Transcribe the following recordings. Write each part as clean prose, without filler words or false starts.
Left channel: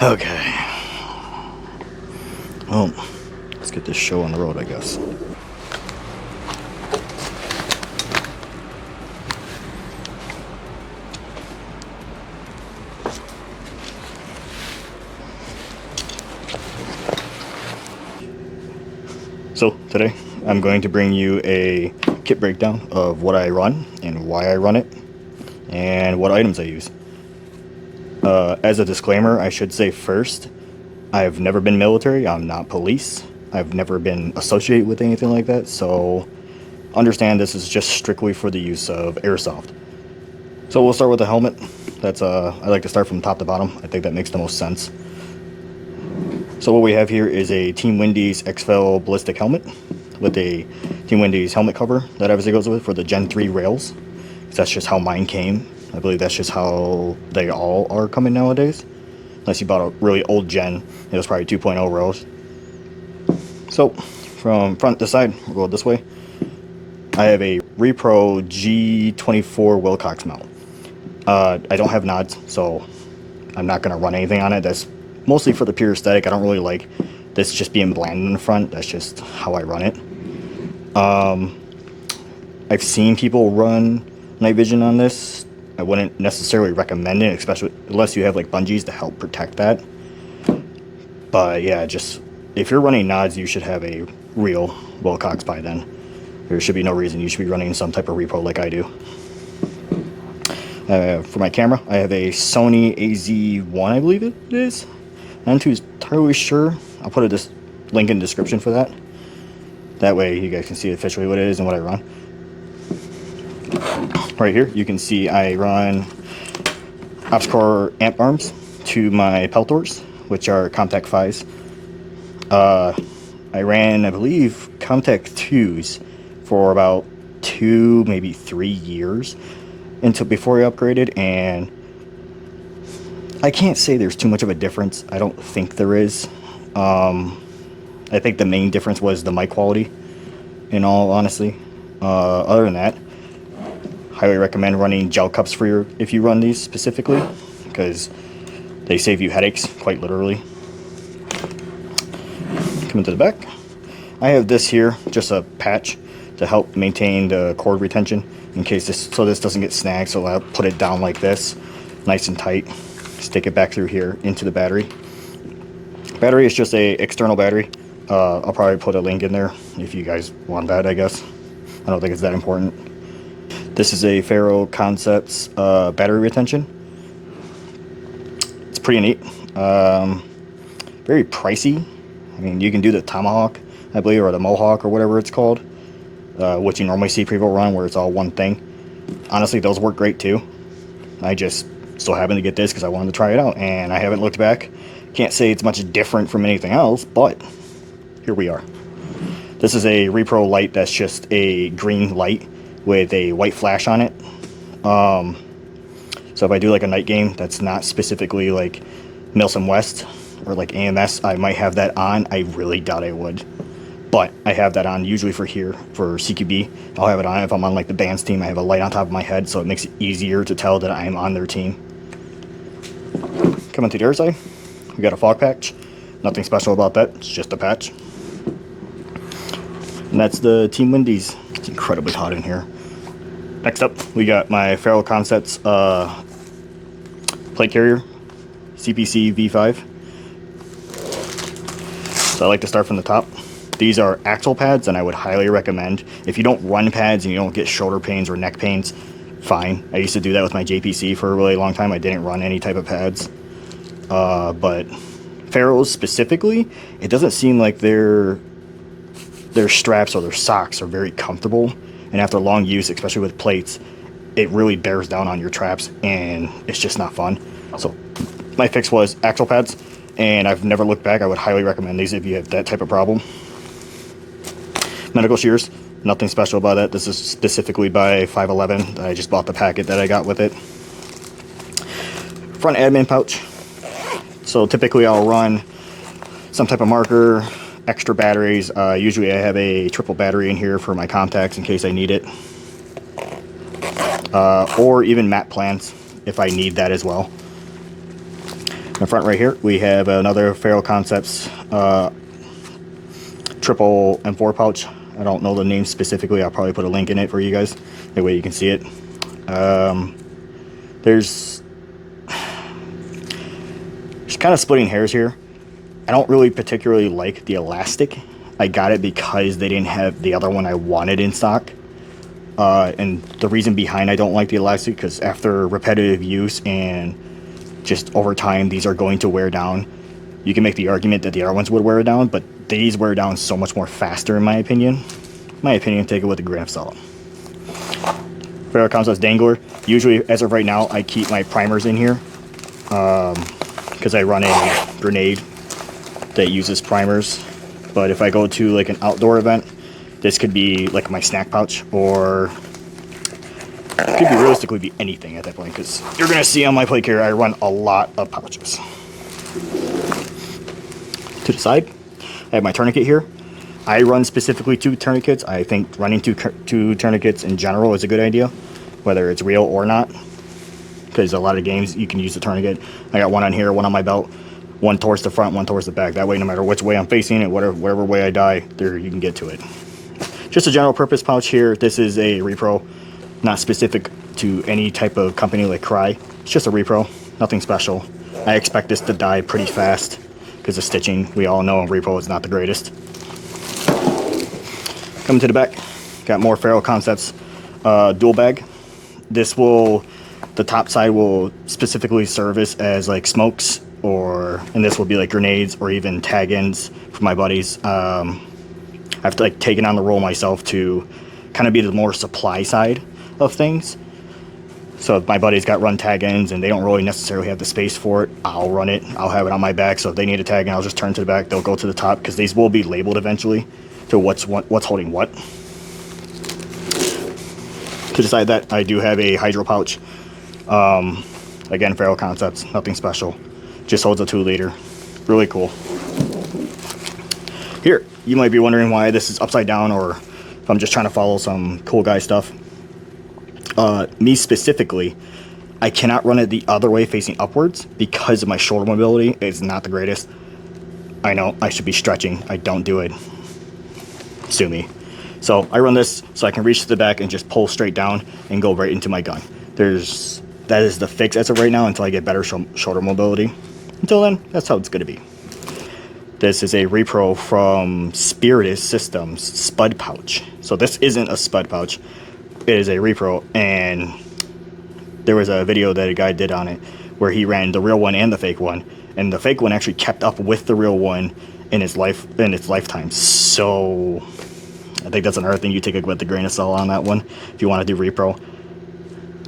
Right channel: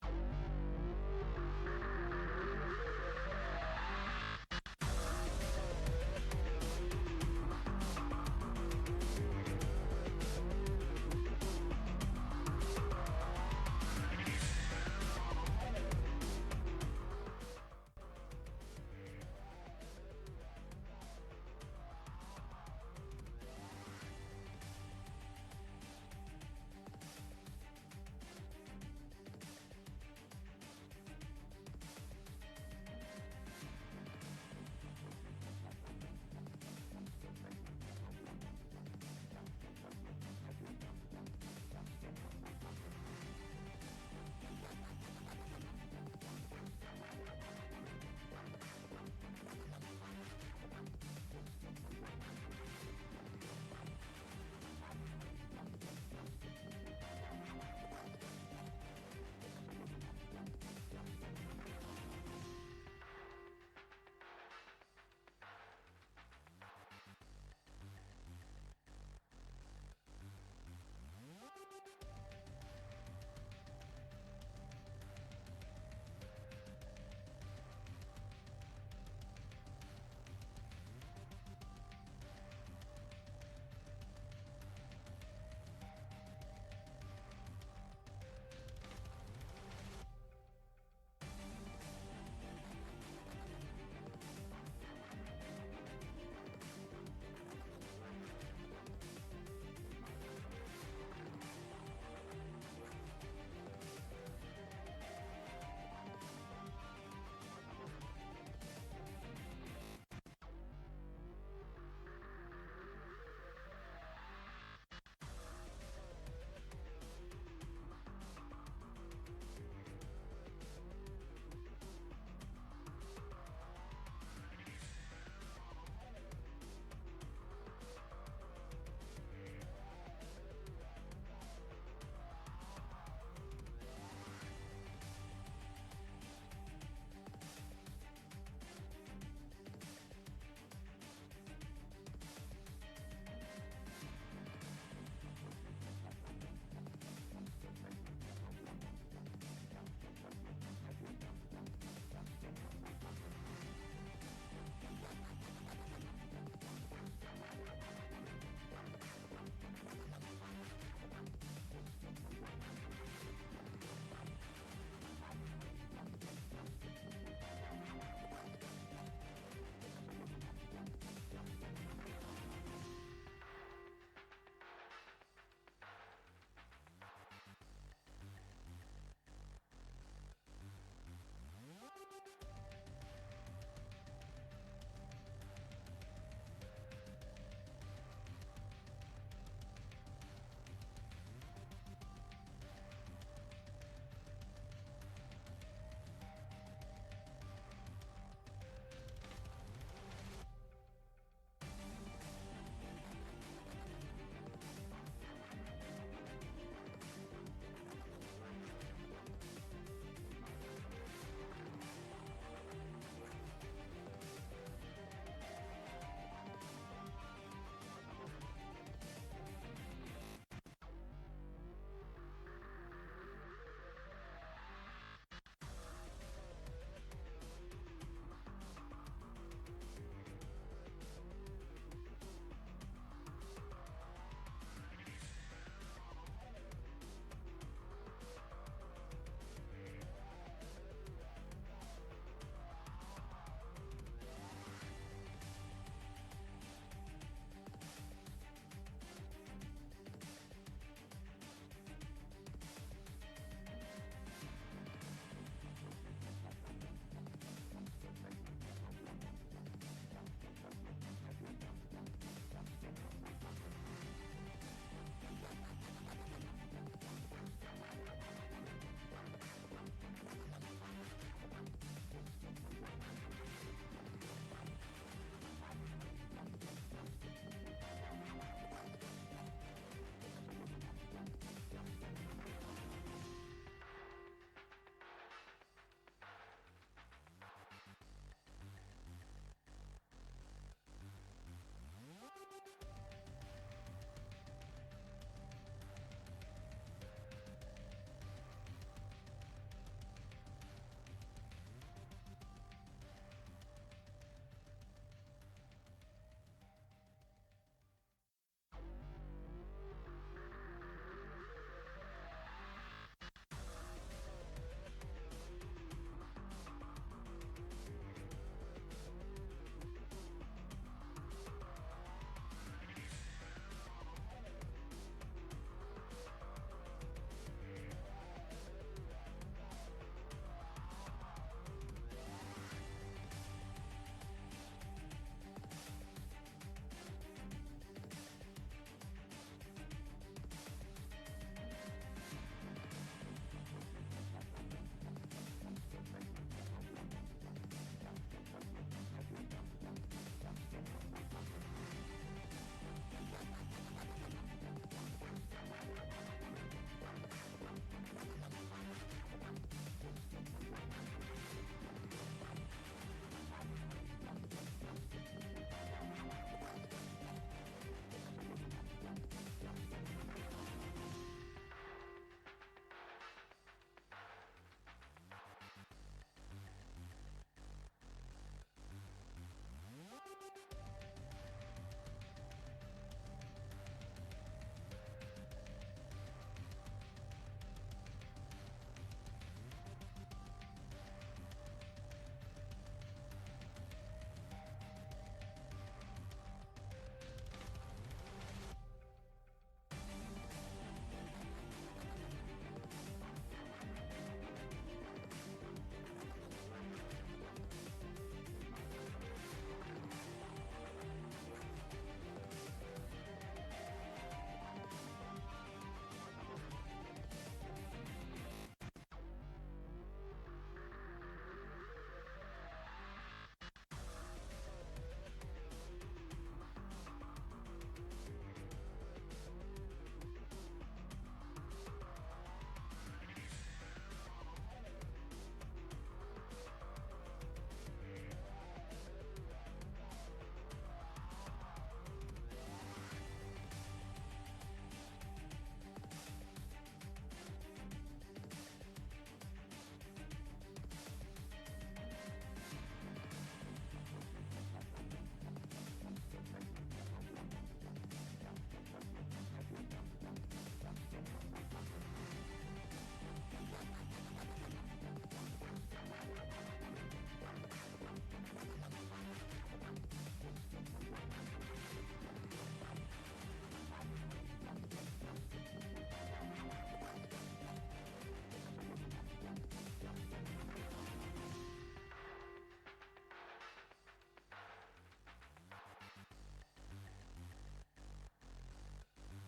Okay. Well, let's get this show on the road, I guess. So today I'm going to bring you a kit breakdown of what I run and why I run it and what items I use. As a disclaimer, I should say first, I've never been military, I'm not police, I've never been associated with anything like that, so understand this is just strictly for the use of airsoft. So we'll start with the helmet. That's I like to start from top to bottom. I think that makes the most sense. So what we have here is a Team Wendy's exfil ballistic helmet with a Team Wendy's helmet cover that obviously goes with for the Gen 3 rails. That's just how mine came. I believe that's just how they all are coming nowadays. Unless you bought a really old gen, it was probably 2.0 rails. So from front to side, we'll go this way. I have a Repro G24 Wilcox mount. I don't have nods, so I'm not going to run anything on it. That's mostly for the pure aesthetic. I don't really like this just being bland in the front. That's just how I run it. I've seen people run night vision on this. I wouldn't necessarily recommend it, especially unless you have like bungees to help protect that. But yeah, just if you're running nods, you should have a real Wilcox by then. There should be no reason you should be running some type of Repro like I do. For my camera, I have a Sony AZ1, I believe it is. I'm not too entirely sure. I'll put a link in the description for that. That way you guys can see officially what it is and what I run. Right here, you can see I run OpsCore amp arms to my Peltors, which are comtac 5s. I ran, I believe, comtac 2s for about 2, maybe 3 years until before I upgraded, and I can't say there's too much of a difference. I don't think there is. I think the main difference was the mic quality, in all honesty. Other than that, highly recommend running gel cups for if you run these specifically, because they save you headaches, quite literally. Coming to the back, I have this here, just a patch to help maintain the cord retention in case this doesn't get snagged. So I'll put it down like this, nice and tight, stick it back through here into the battery. Battery is just a external battery. I'll probably put a link in there if you guys want that, I guess. I don't think it's that important. This is a Ferro Concepts battery retention. It's pretty neat. Very pricey. I mean, you can do the Tomahawk, I believe, or the Mohawk, or whatever it's called, which you normally see people run, where it's all one thing. Honestly, those work great too. I just so happened to get this because I wanted to try it out, and I haven't looked back. Can't say it's much different from anything else, but here we are. This is a Repro light that's just a green light with a white flash on it. So if I do like a night game that's not specifically like Milsim West or like AMS, I might have that on. I really doubt I would, but I have that on usually for here, for CQB. I'll have it on if I'm on like the band's team. I have a light on top of my head, so it makes it easier to tell that I'm on their team. Coming to the other side, we got a fog patch. Nothing special about that, it's just a patch. And that's the Team Wendy's. It's incredibly hot in here. Next up, we got my Ferro Concepts plate carrier, CPC V5. So I like to start from the top. These are Axel pads, and I would highly recommend. If you don't run pads and you don't get shoulder pains or neck pains, fine. I used to do that with my JPC for a really long time. I didn't run any type of pads. But Ferro's specifically, it doesn't seem like their straps or their socks are very comfortable, and after long use, especially with plates, it really bears down on your traps, and it's just not fun. So my fix was Axel pads, and I've never looked back. I would highly recommend these if you have that type of problem. Medical shears, nothing special about that. This is specifically by 511. I just bought the packet that I got with it. Front admin pouch. So typically I'll run some type of marker, extra batteries. Usually I have a triple battery in here for my contacts in case I need it. Or even map plans if I need that as well. In the front right here, we have another Ferro Concepts triple M4 pouch. I don't know the name specifically. I'll probably put a link in it for you guys. That way you can see it. There's kind of splitting hairs here. I don't really particularly like the elastic. I got it because they didn't have the other one I wanted in stock. And the reason behind I don't like the elastic, because after repetitive use and just over time, these are going to wear down. You can make the argument that the other ones would wear down, but these wear down so much more faster in my opinion. Take it with a grain of salt. Ferro Concepts Dangler. Usually, as of right now, I keep my primers in here because I run a grenade that uses primers. But if I go to like an outdoor event, this could be like my snack pouch, or it could be realistically be anything at that point, because you're going to see on my plate carrier I run a lot of pouches. To the side, I have my tourniquet here. I run specifically 2 tourniquets. I think running two tourniquets in general is a good idea, whether it's real or not, because a lot of games you can use the tourniquet. I got one on here, one on my belt, one towards the front, one towards the back. That way, no matter which way I'm facing it, whatever way I die, there you can get to it. Just a general purpose pouch here. This is a Repro, not specific to any type of company like Cry. It's just a Repro, nothing special. I expect this to die pretty fast because of stitching. We all know Repro is not the greatest. Coming to the back, got more Ferro Concepts dual bag. The top side will specifically service as like smokes, and this will be like grenades or even tag ends for my buddies. I've like taken on the role myself to kind of be the more supply side of things. So if my buddies got run tag ends and they don't really necessarily have the space for it, I'll run it. I'll have it on my back. So if they need a tag end, I'll just turn to the back. They'll go to the top, because these will be labeled eventually to what's holding what. To decide that, I do have a hydro pouch. Again, Ferro Concepts, nothing special. Just holds a 2 liter. Really cool. Here, you might be wondering why this is upside down, or if I'm just trying to follow some cool guy stuff. Me specifically, I cannot run it the other way facing upwards because of my shoulder mobility. It's not the greatest. I know, I should be stretching. I don't do it. Sue me. So I run this so I can reach to the back and just pull straight down and go right into my gun. That is the fix as of right now until I get better shoulder mobility. Until then, that's how it's going to be. This is a Repro from Spiritus Systems spud pouch. So this isn't a spud pouch. It is a Repro, and there was a video that a guy did on it where he ran the real one and the fake one, and the fake one actually kept up with the real one in its lifetime. So I think that's another thing you take it with a grain of salt on that one if you want to do Repro.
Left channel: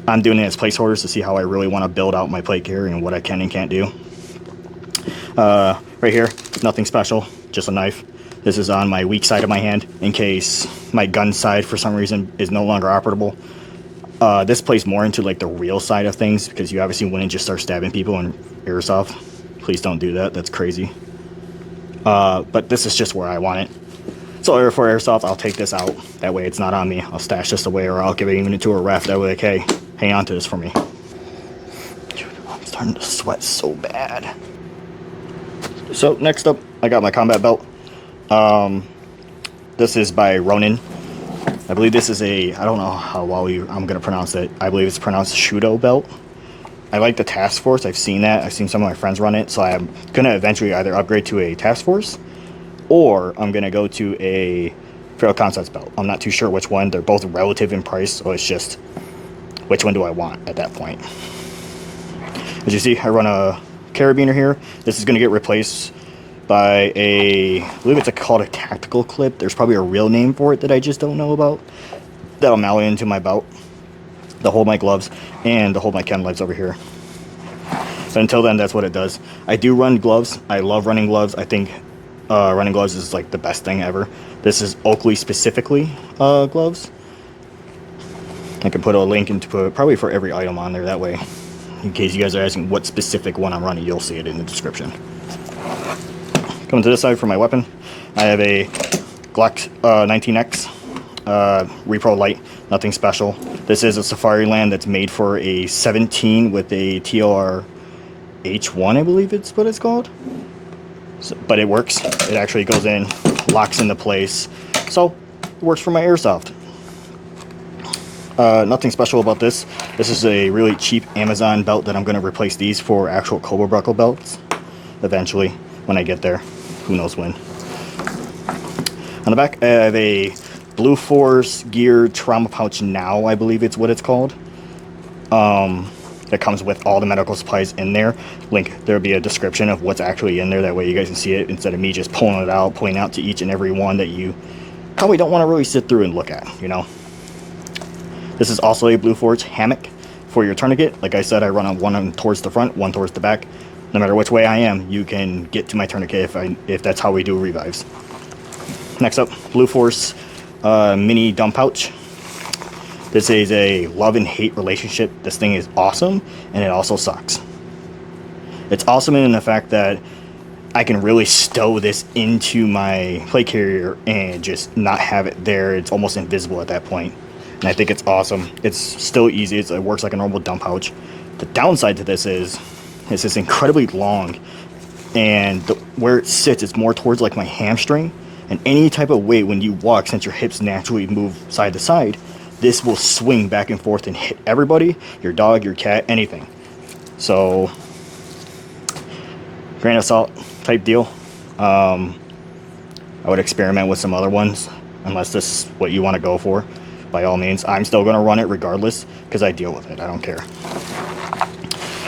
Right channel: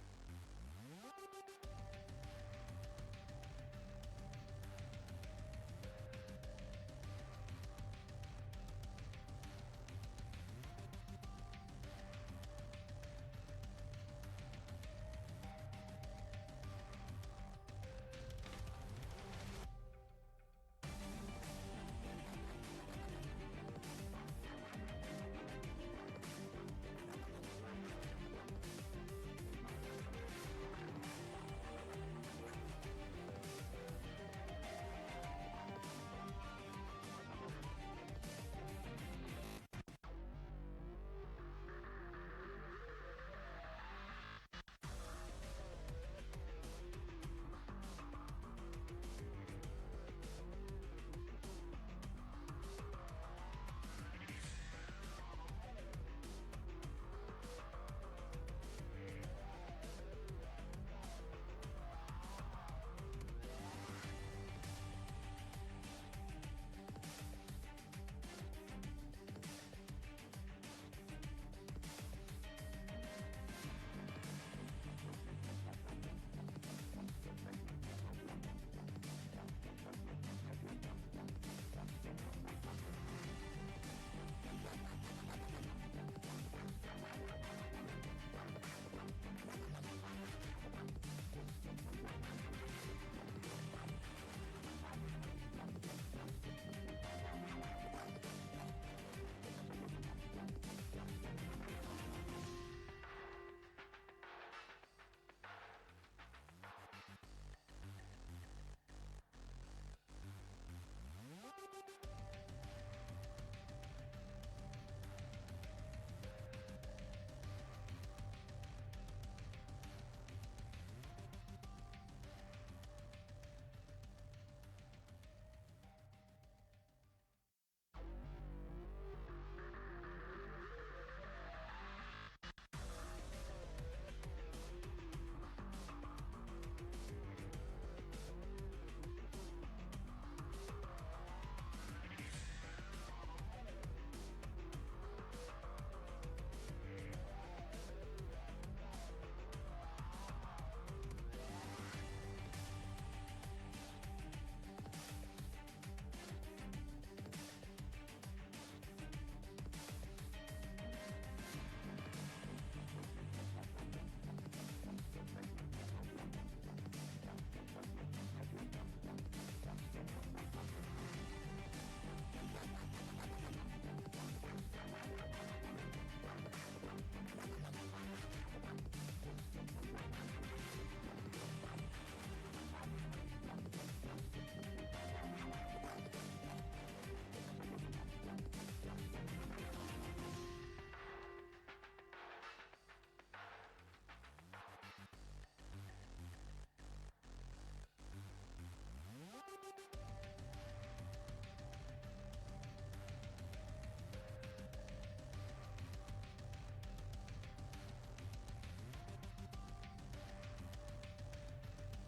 I'm doing it as placeholders to see how I really want to build out my plate carrier and what I can and can't do. Right here, nothing special, just a knife. This is on my weak side of my hand in case my gun side for some reason is no longer operable. This plays more into like the real side of things, because you obviously wouldn't just start stabbing people in Airsoft. Please don't do that, that's crazy. But this is just where I want it. So for Airsoft, I'll take this out. That way it's not on me. I'll stash this away, or I'll give it even into a ref. That way, like, hey, hang on to this for me. Dude, I'm starting to sweat so bad. So next up, I got my combat belt. This is by Ronin. I believe this is I don't know how well I'm going to pronounce it. I believe it's pronounced Shudo belt. I like the Task Force. I've seen that. I've seen some of my friends run it. So I'm going to eventually either upgrade to a Task Force, or I'm going to go to a Ferro Concepts belt. I'm not too sure which one. They're both relative in price, so it's just which one do I want at that point. As you see, I run a carabiner here. This is going to get replaced by I believe it's called a tactical clip. There's probably a real name for it that I just don't know about. That'll mount into my belt, to hold my gloves, and to hold my chem lights over here. But until then, that's what it does. I do run gloves. I love running gloves. I think running gloves is like the best thing ever. This is Oakley specifically gloves. I can put a link into probably for every item on there. That way, in case you guys are asking what specific one I'm running, you'll see it in the description. Coming to this side for my weapon, I have a Glock 19X Repro Light, nothing special. This is a Safari Land that's made for a 17 with a TOR H1, I believe it's what it's called. So, but it works. It actually goes in, locks into place. So it works for my airsoft. Nothing special about this. This is a really cheap Amazon belt that I'm going to replace these for actual cobra buckle belts eventually when I get there. Who knows when. On the back I have a Blue Force Gear Trauma Pouch Now, I believe it's what it's called. That comes with all the medical supplies in there. There'll be a description of what's actually in there. That way you guys can see it instead of me just pulling it out, pointing out to each and every one that you probably don't want to really sit through and look at, you know. This is also a Blue Force hammock for your tourniquet. Like I said, I run on one towards the front, one towards the back. No matter which way I am, you can get to my tourniquet if that's how we do revives. Next up, Blue Force mini dump pouch. This is a love and hate relationship. This thing is awesome, and it also sucks. It's awesome in the fact that I can really stow this into my plate carrier and just not have it there. It's almost invisible at that point. And I think it's awesome. It's still easy. It works like a normal dump pouch. The downside to this is it's incredibly long, and where it sits, it's more towards like my hamstring. And any type of weight when you walk, since your hips naturally move side to side, this will swing back and forth and hit everybody, your dog, your cat, anything. So, grain of salt type deal. I would experiment with some other ones, unless this is what you want to go for. By all means, I'm still going to run it regardless, because I deal with it. I don't care.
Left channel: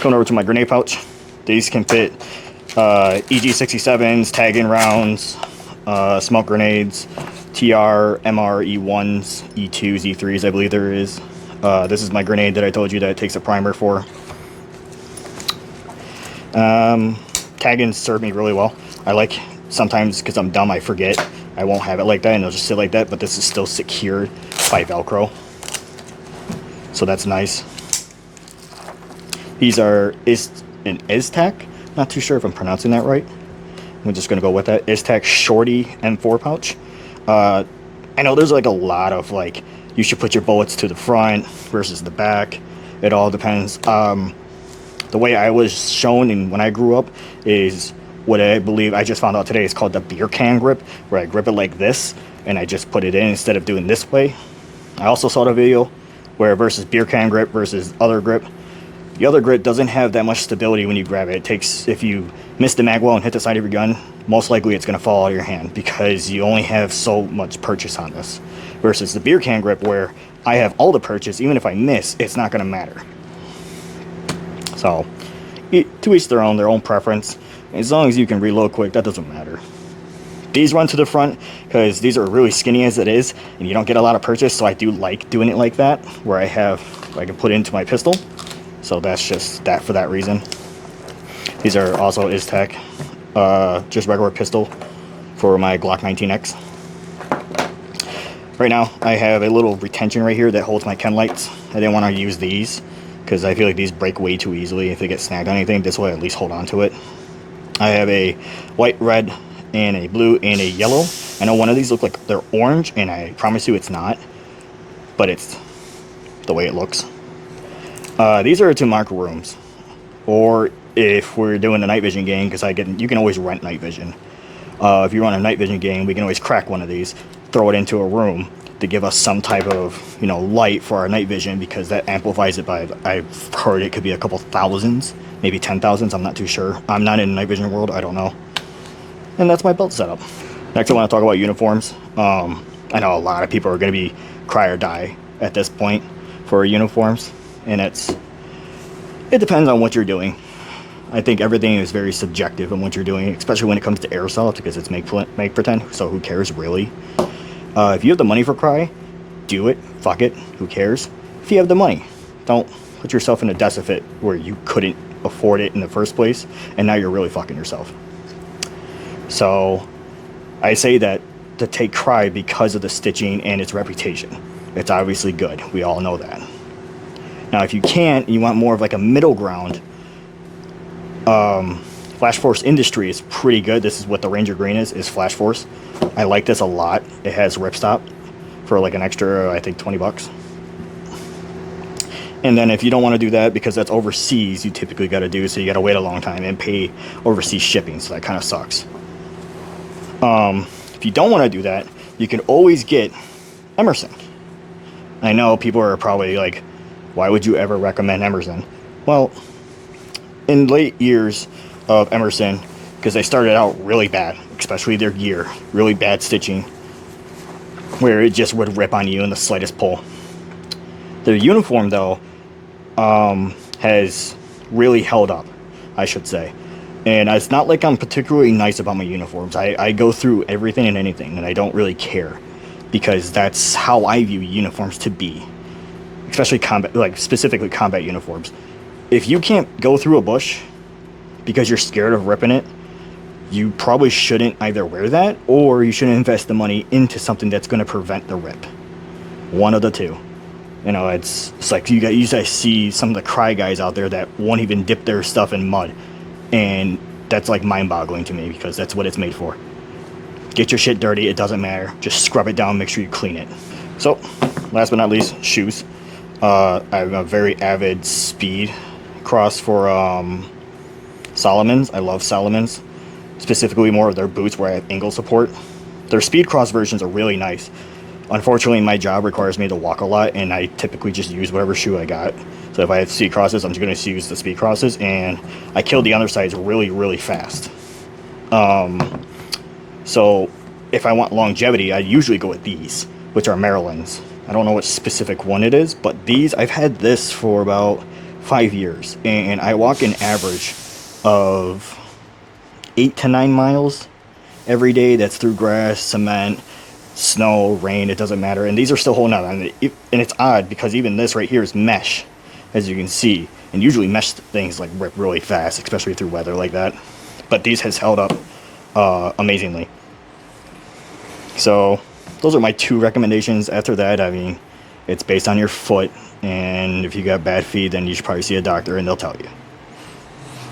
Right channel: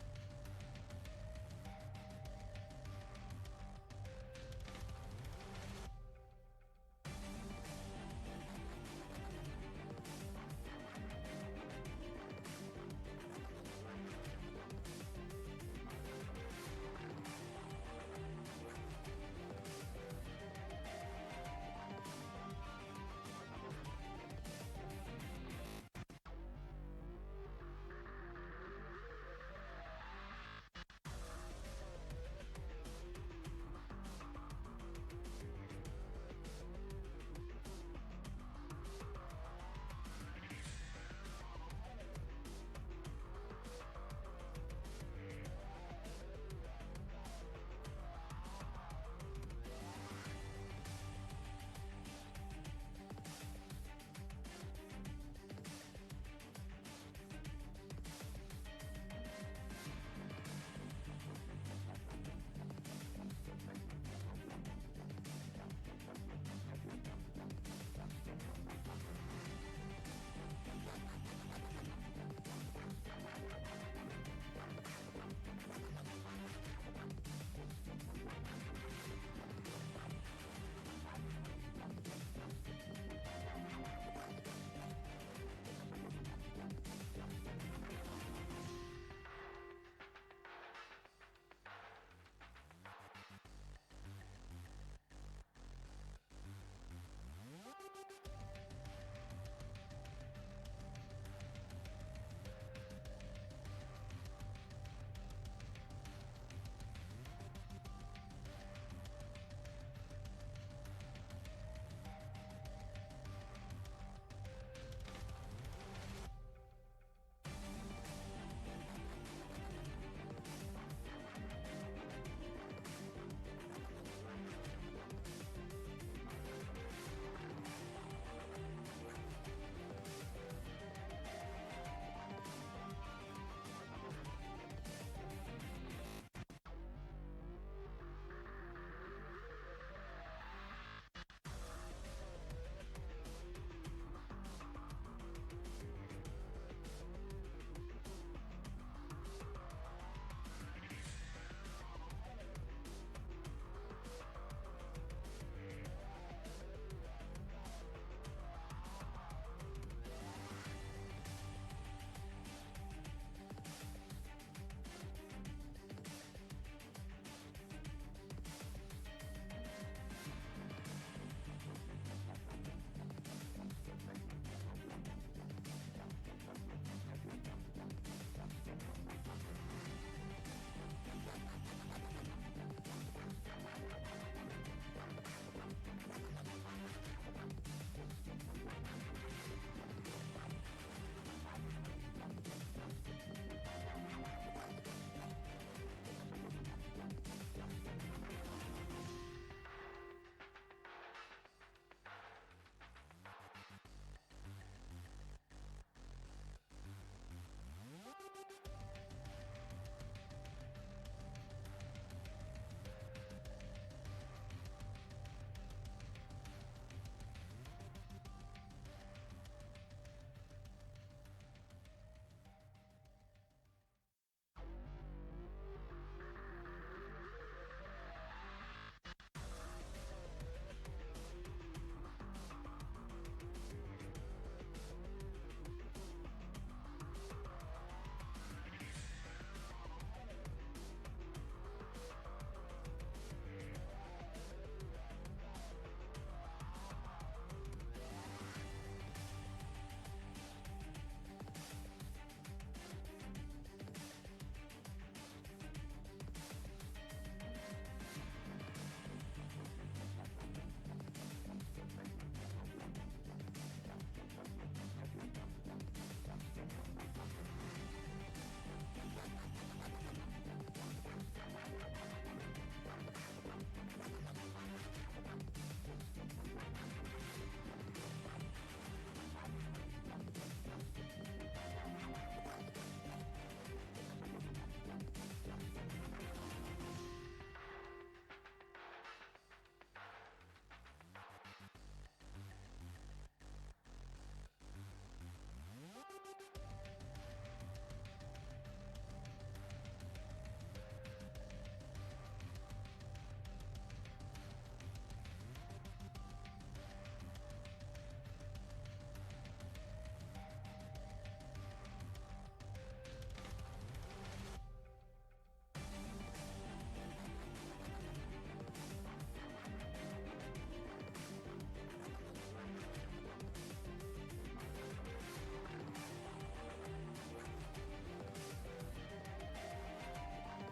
Coming over to my grenade pouch. These can fit EG67s, tag-in rounds, smoke grenades, TR, MR, E1s, E2s, E3s, I believe there is. This is my grenade that I told you that it takes a primer for. Tag-ins serve me really well. I like, sometimes because I'm dumb, I forget. I won't have it like that, and it'll just sit like that, but this is still secured by Velcro. So that's nice. These are an Iztac. Not too sure if I'm pronouncing that right. I'm just going to go with that. Iztac Shorty M4 pouch. I know there's like a lot of like, you should put your bullets to the front versus the back. It all depends. The way I was shown and when I grew up is what I believe I just found out today is called the beer can grip, where I grip it like this and I just put it in instead of doing this way. I also saw the video where versus beer can grip versus other grip. The other grip doesn't have that much stability when you grab it. It takes, if you miss the mag well and hit the side of your gun, most likely it's going to fall out of your hand because you only have so much purchase on this. Versus the beer can grip where I have all the purchase, even if I miss, it's not going to matter. So, to each their own preference. As long as you can reload quick, that doesn't matter. These run to the front because these are really skinny as it is, and you don't get a lot of purchase, so I do like doing it like that, where I can put it into my pistol. So that's just that for that reason. These are also Iztac, just regular pistol for my Glock 19X. Right now, I have a little retention right here that holds my Ken lights. I didn't want to use these because I feel like these break way too easily if they get snagged on anything. This way, I at least hold on to it. I have a white, red, and a blue, and a yellow. I know one of these look like they're orange, and I promise you it's not, but it's the way it looks. These are to mark rooms, or if we're doing a night vision game, because you can always rent night vision. If you run a night vision game, we can always crack one of these, throw it into a room to give us some type of, light for our night vision, because that amplifies it by, I've heard it could be a couple thousands, maybe 10,000s, I'm not too sure. I'm not in the night vision world, I don't know. And that's my belt setup. Next I want to talk about uniforms. I know a lot of people are going to be cry or die at this point for uniforms, and it depends on what you're doing. I think everything is very subjective on what you're doing, especially when it comes to airsoft, because it's make pretend, so who cares really? If you have the money for cry, do it, fuck it, who cares? If you have the money, don't put yourself in a deficit where you couldn't afford it in the first place, and now you're really fucking yourself. So I say that to take cry because of the stitching and its reputation. It's obviously good, we all know that. Now if you can't, you want more of like a middle ground, Flash Force Industry is pretty good. This is what the Ranger Green is Flash Force. I like this a lot. It has ripstop for like an extra, I think, 20 bucks. And then if you don't want to do that, because that's overseas, you typically got to do, so you got to wait a long time and pay overseas shipping, so that kind of sucks. If you don't want to do that, you can always get Emerson. I know people are probably like, why would you ever recommend Emerson? Well, in late years of Emerson, because they started out really bad, especially their gear, really bad stitching, where it just would rip on you in the slightest pull. Their uniform, though, has really held up, I should say. And it's not like I'm particularly nice about my uniforms. I go through everything and anything, and I don't really care, because that's how I view uniforms to be, especially combat, like specifically combat uniforms. If you can't go through a bush because you're scared of ripping it, you probably shouldn't either wear that, or you shouldn't invest the money into something that's going to prevent the rip. One of the two. You know, it's like you guys see some of the cry guys out there that won't even dip their stuff in mud. And that's like mind-boggling to me, because that's what it's made for. Get your shit dirty, it doesn't matter. Just scrub it down, make sure you clean it. So, last but not least, shoes. I'm a very avid speed cross for Salomons. I love Salomons. Specifically more of their boots where I have ankle support. Their speed cross versions are really nice. Unfortunately, my job requires me to walk a lot, and I typically just use whatever shoe I got. So if I have speed crosses, I'm just going to use the speed crosses, and I kill the undersides really, really fast. So if I want longevity, I usually go with these, which are Maryland's. I don't know what specific one it is, but these, I've had this for about 5 years, and I walk an average of 8 to 9 miles every day. That's through grass, cement, snow, rain, it doesn't matter. And these are still holding out. And it's odd, because even this right here is mesh, as you can see. And usually mesh things like rip really fast, especially through weather like that. But these has held up amazingly. So those are my 2 recommendations. After that, I mean, it's based on your foot. And if you got bad feet, then you should probably see a doctor, and they'll tell you.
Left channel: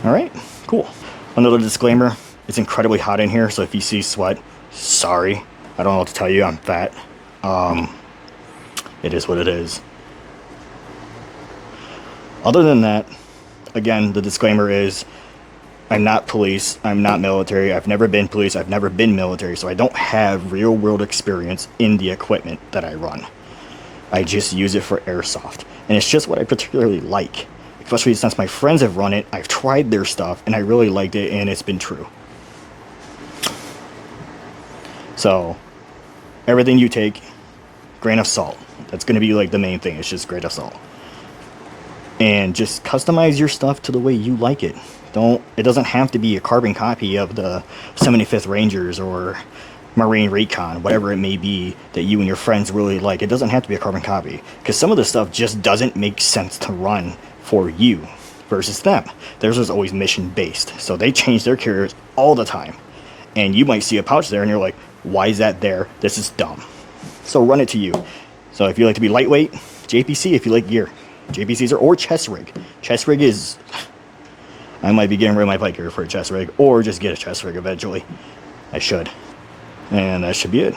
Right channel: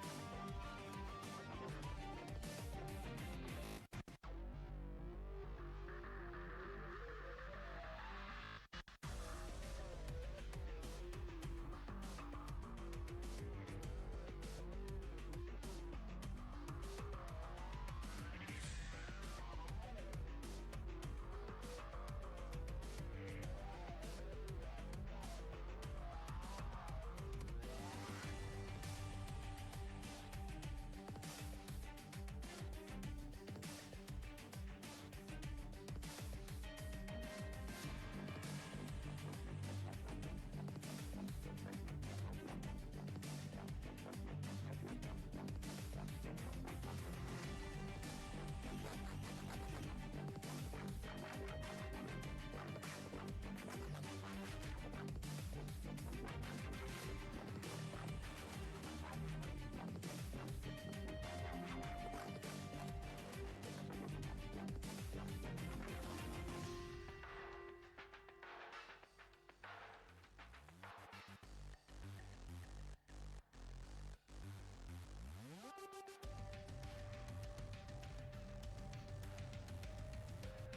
Alright, cool. Another disclaimer, it's incredibly hot in here, so if you see sweat, sorry. I don't know what to tell you, I'm fat. It is what it is. Other than that, again, the disclaimer is, I'm not police, I'm not military, I've never been police, I've never been military, so I don't have real world experience in the equipment that I run. I just use it for airsoft, and it's just what I particularly like. Especially since my friends have run it, I've tried their stuff, and I really liked it, and it's been true. So, everything you take, grain of salt. That's going to be like the main thing. It's just grain of salt. And just customize your stuff to the way you like it. It doesn't have to be a carbon copy of the 75th Rangers or Marine Recon, whatever it may be that you and your friends really like. It doesn't have to be a carbon copy, because some of the stuff just doesn't make sense to run for you versus them. Theirs is always mission based, so they change their carriers all the time. And you might see a pouch there and you're like, why is that there? This is dumb. So run it to you. So if you like to be lightweight, JPC. If you like gear, JPCs or chest rig. Chest rig is, I might be getting rid of my bike gear for a chest rig, or just get a chest rig eventually. I should. And that should be it.